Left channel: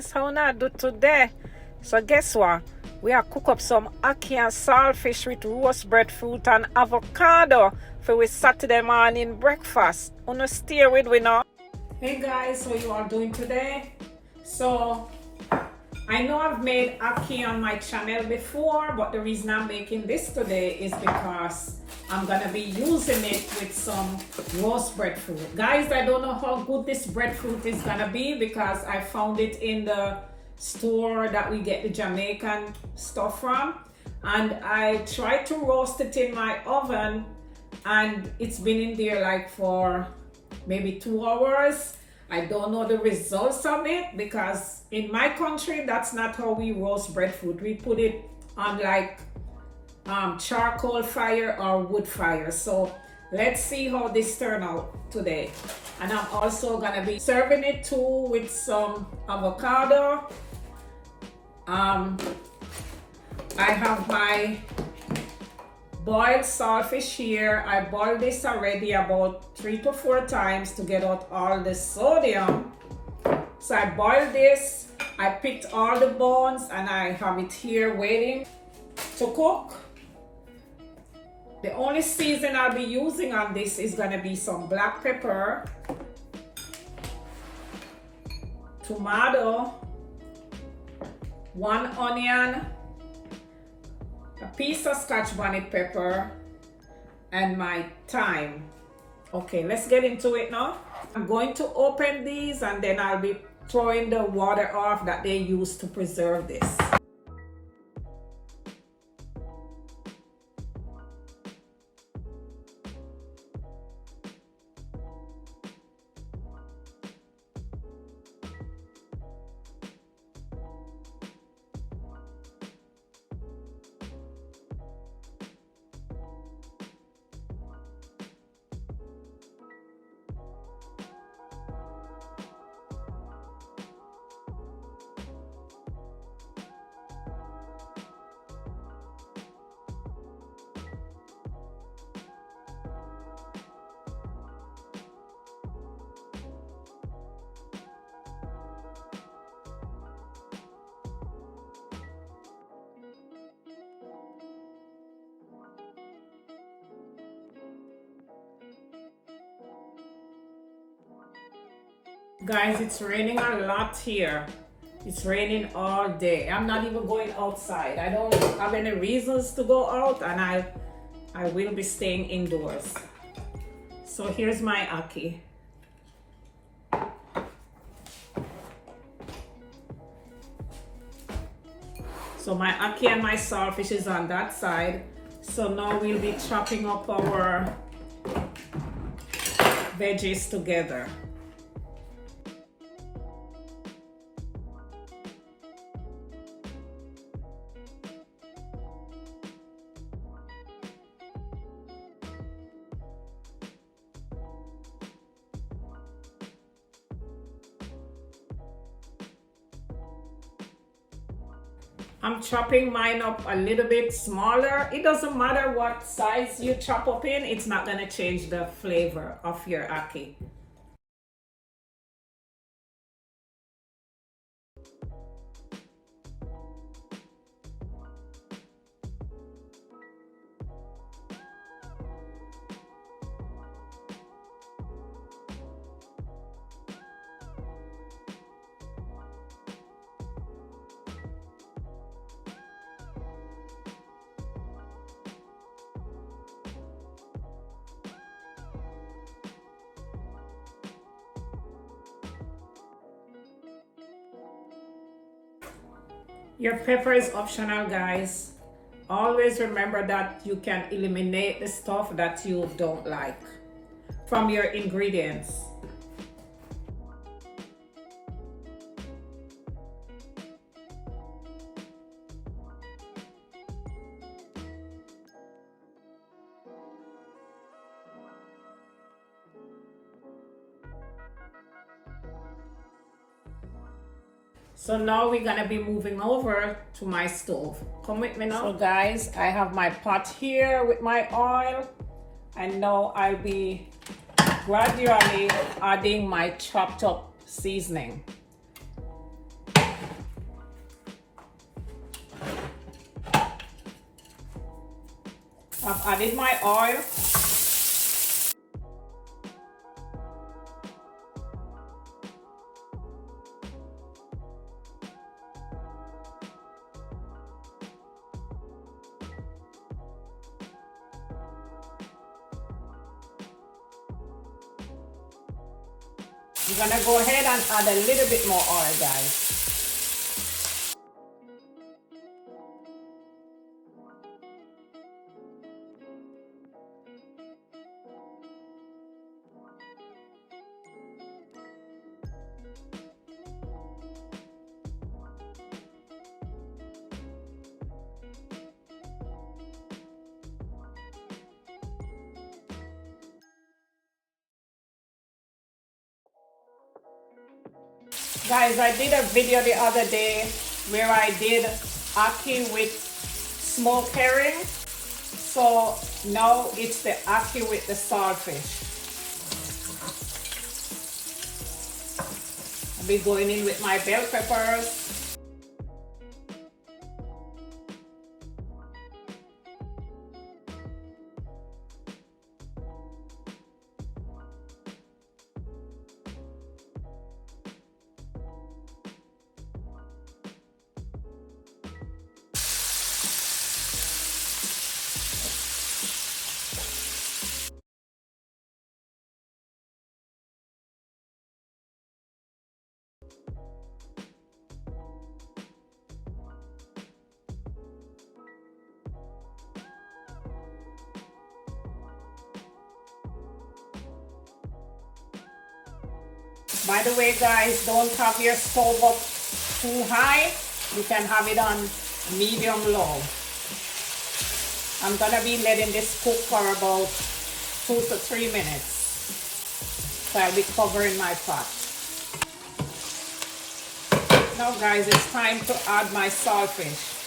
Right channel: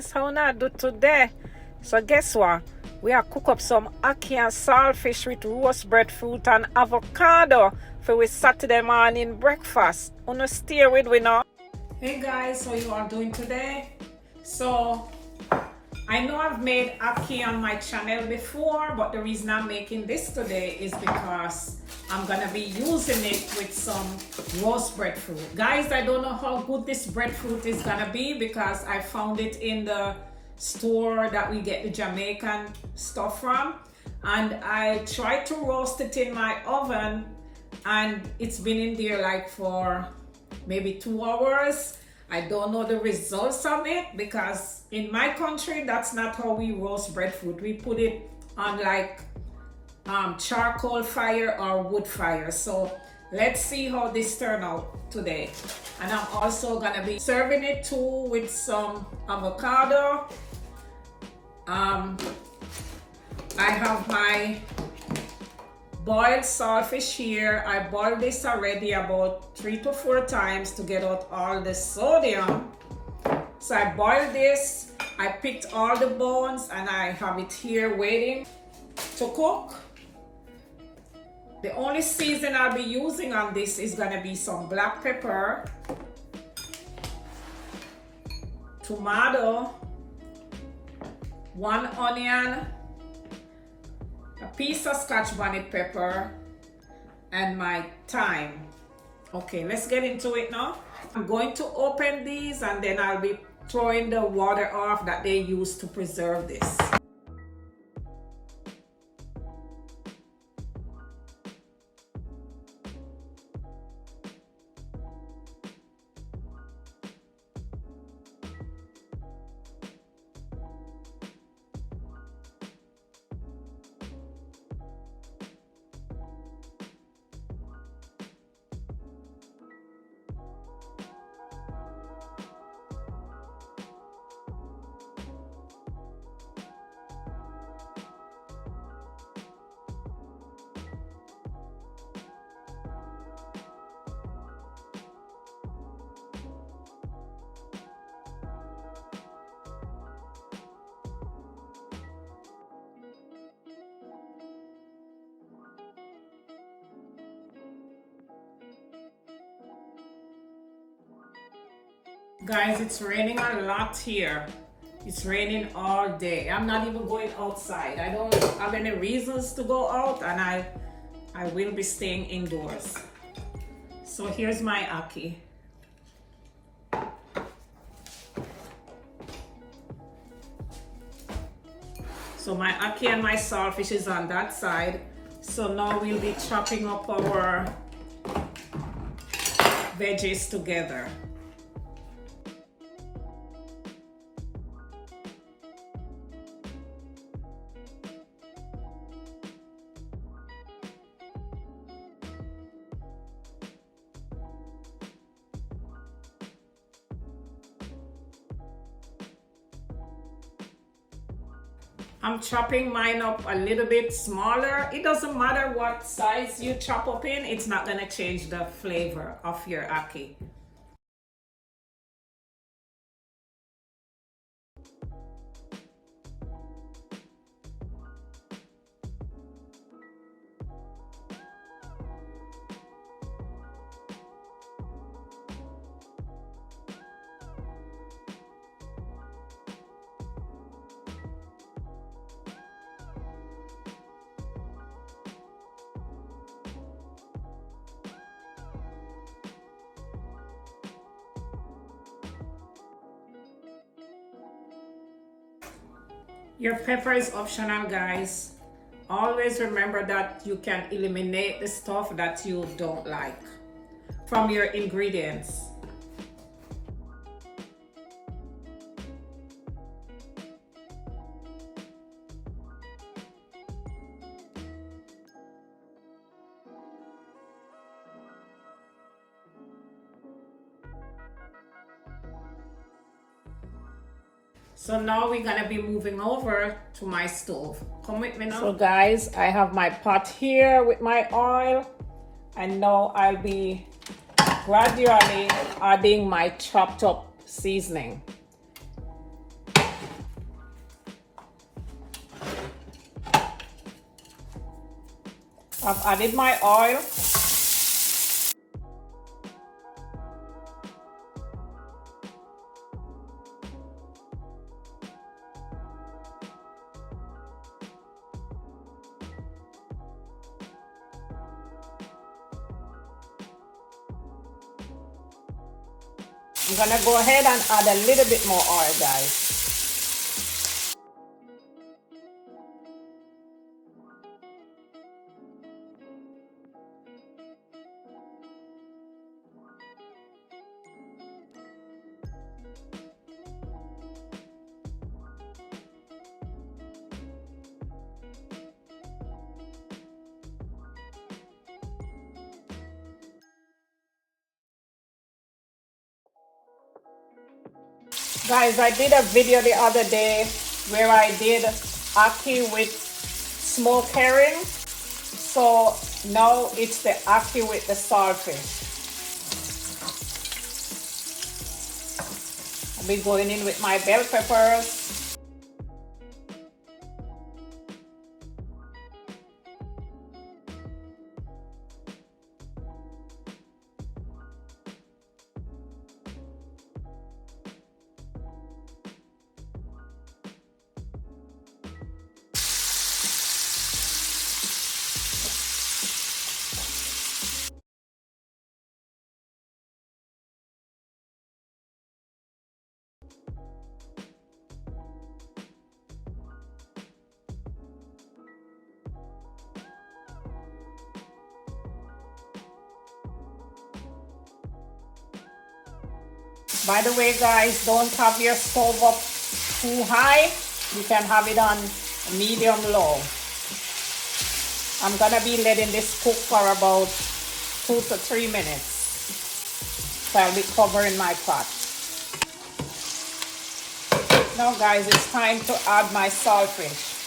guys, how I do today? So guess what? We are cook up some ackee and saltfish with roast breadfruit and avocado for we Saturday morning breakfast. Wanna stay with we now? Hey guys, how you are doing today? So I know I've made ackee on my channel before, but the reason I'm making this today is because I'm gonna be using it with some roast breadfruit. Guys, I don't know how good this breadfruit is gonna be because I found it in the store that we get the Jamaican stuff from, and I tried to roast it in my oven and it's been in there like for maybe 2 hours. I don't know the results of it because in my country that's not how we roast breadfruit. We put it on like charcoal fire or wood fire. So let's see how this turn out today. And I'm also gonna be serving it too with some avocado. I have my boiled saltfish here. I boiled this already about 3 to 4 times to get out all the sodium. So I boiled this, I picked all the bones, and I have it here waiting to cook. The only season I'll be using on this is gonna be some black pepper, tomato, 1 onion, a piece of Scotch bonnet pepper, and my thyme. Okay, let's get into it now. I'm going to open these and then I'll be throwing the water off that they use to preserve this. Guys, it's raining a lot here. It's raining all day. I'm not even going outside. I don't have any reasons to go out, and I will be staying indoors. So here's my ackee. So my ackee and my saltfish is on that side. So now we'll be chopping up our veggies together. I'm chopping mine up a little bit smaller. It doesn't matter what size you chop up in, it's not gonna change the flavor of your ackee. Your pepper is optional, guys. Always remember that you can eliminate the stuff that you don't like from your ingredients. So now we're gonna be moving over to my stove. Come with me now. So guys, I have my pot here with my oil, and now I'll be gradually adding my chopped up seasoning. I've added my oil. I'm gonna go ahead and add a little bit more oil, guys. Guys, I did a video the other day where I did ackee with smoked herring. So now it's the ackee with the saltfish. I'll be going in with my bell peppers. By the way, guys, don't have your stove up too high. You can have it on medium low. I'm gonna be letting this cook for about 2 to 3 minutes. So I'll be covering my pot. Now guys, it's time to add my saltfish.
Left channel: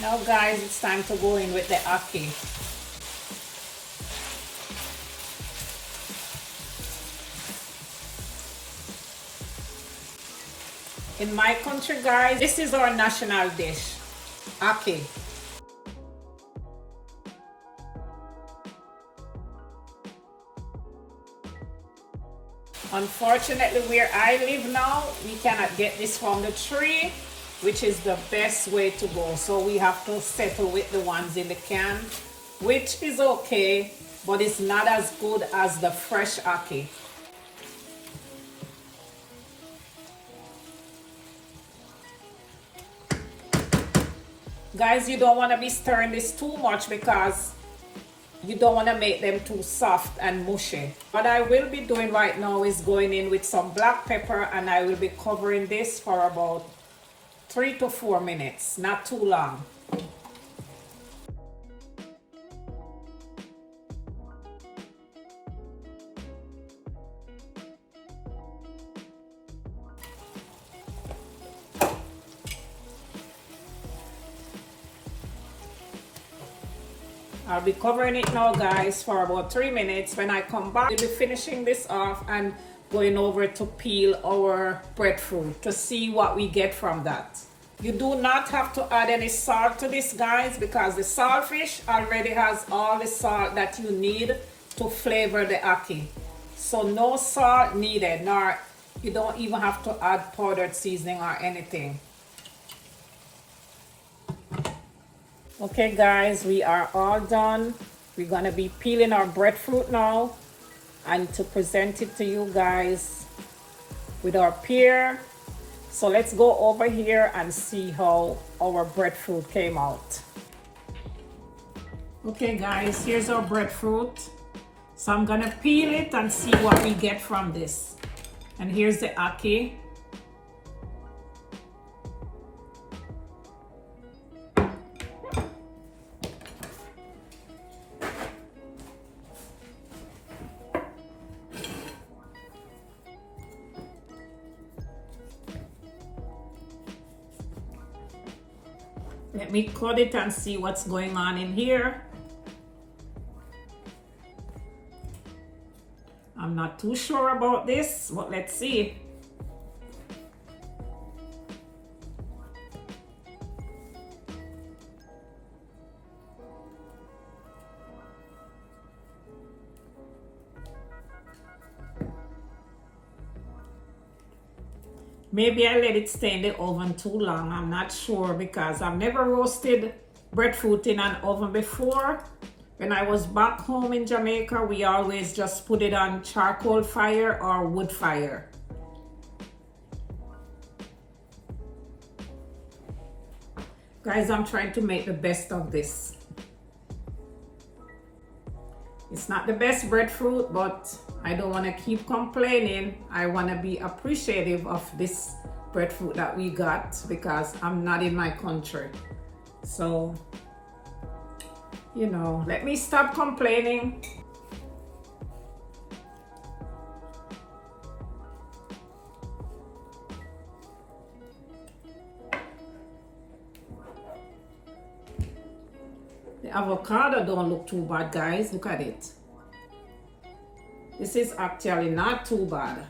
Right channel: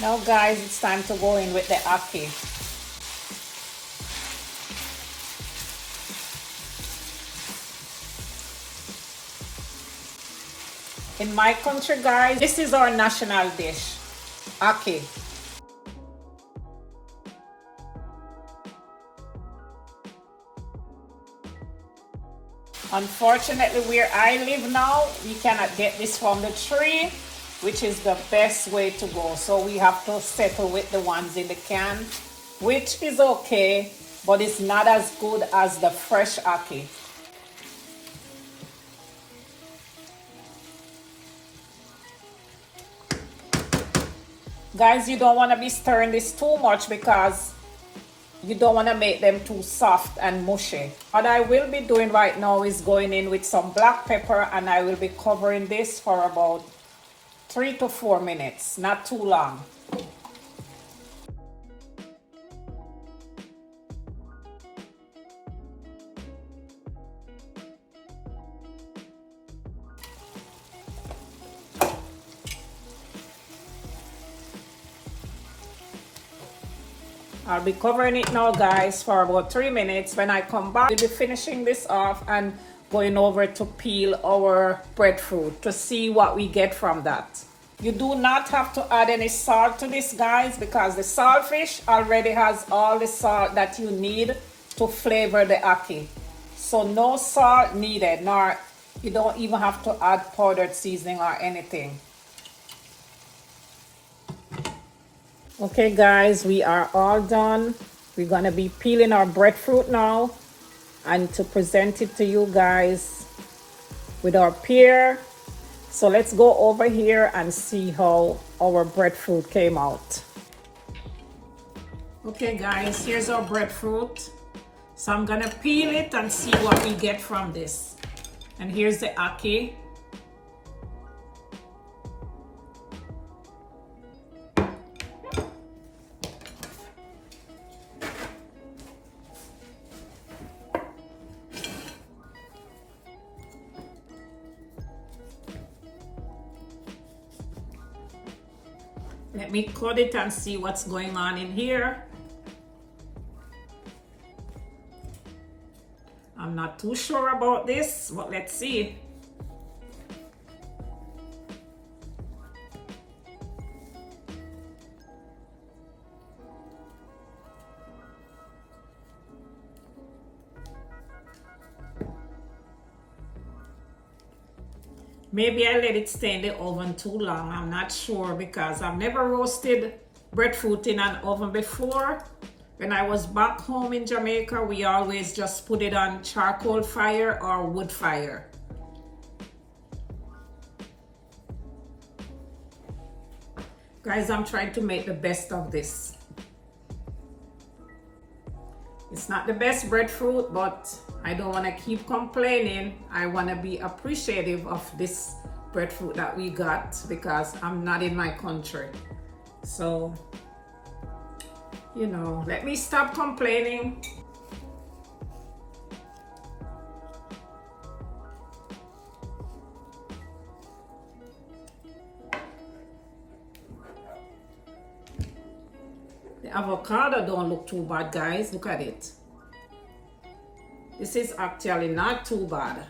Now guys, it's time to go in with the ackee. In my country, guys, this is our national dish, ackee. Unfortunately, where I live now, we cannot get this from the tree, which is the best way to go. So we have to settle with the ones in the can, which is okay, but it's not as good as the fresh ackee. Guys, you don't want to be stirring this too much because you don't want to make them too soft and mushy. What I will be doing right now is going in with some black pepper, and I will be covering this for about 3 to 4 minutes, not too long. I'll be covering it now, guys, for about 3 minutes. When I come back, we'll be finishing this off and going over to peel our breadfruit to see what we get from that. You do not have to add any salt to this, guys, because the saltfish already has all the salt that you need to flavor the ackee. So no salt needed, nor you don't even have to add powdered seasoning or anything. Okay guys, we are all done. We're gonna be peeling our breadfruit now and to present it to you guys with our pear. So let's go over here and see how our breadfruit came out. Okay guys, here's our breadfruit. So I'm gonna peel it and see what we get from this. And here's the ackee. Let me cut it and see what's going on in here. I'm not too sure about this, but let's see. Maybe I let it stay in the oven too long. I'm not sure because I've never roasted breadfruit in an oven before. When I was back home in Jamaica, we always just put it on charcoal fire or wood fire. Guys, I'm trying to make the best of this. It's not the best breadfruit, but I don't want to keep complaining. I want to be appreciative of this breadfruit that we got because I'm not in my country. So, you know, let me stop complaining. The avocado don't look too bad, guys. Look at it. This is actually not too bad.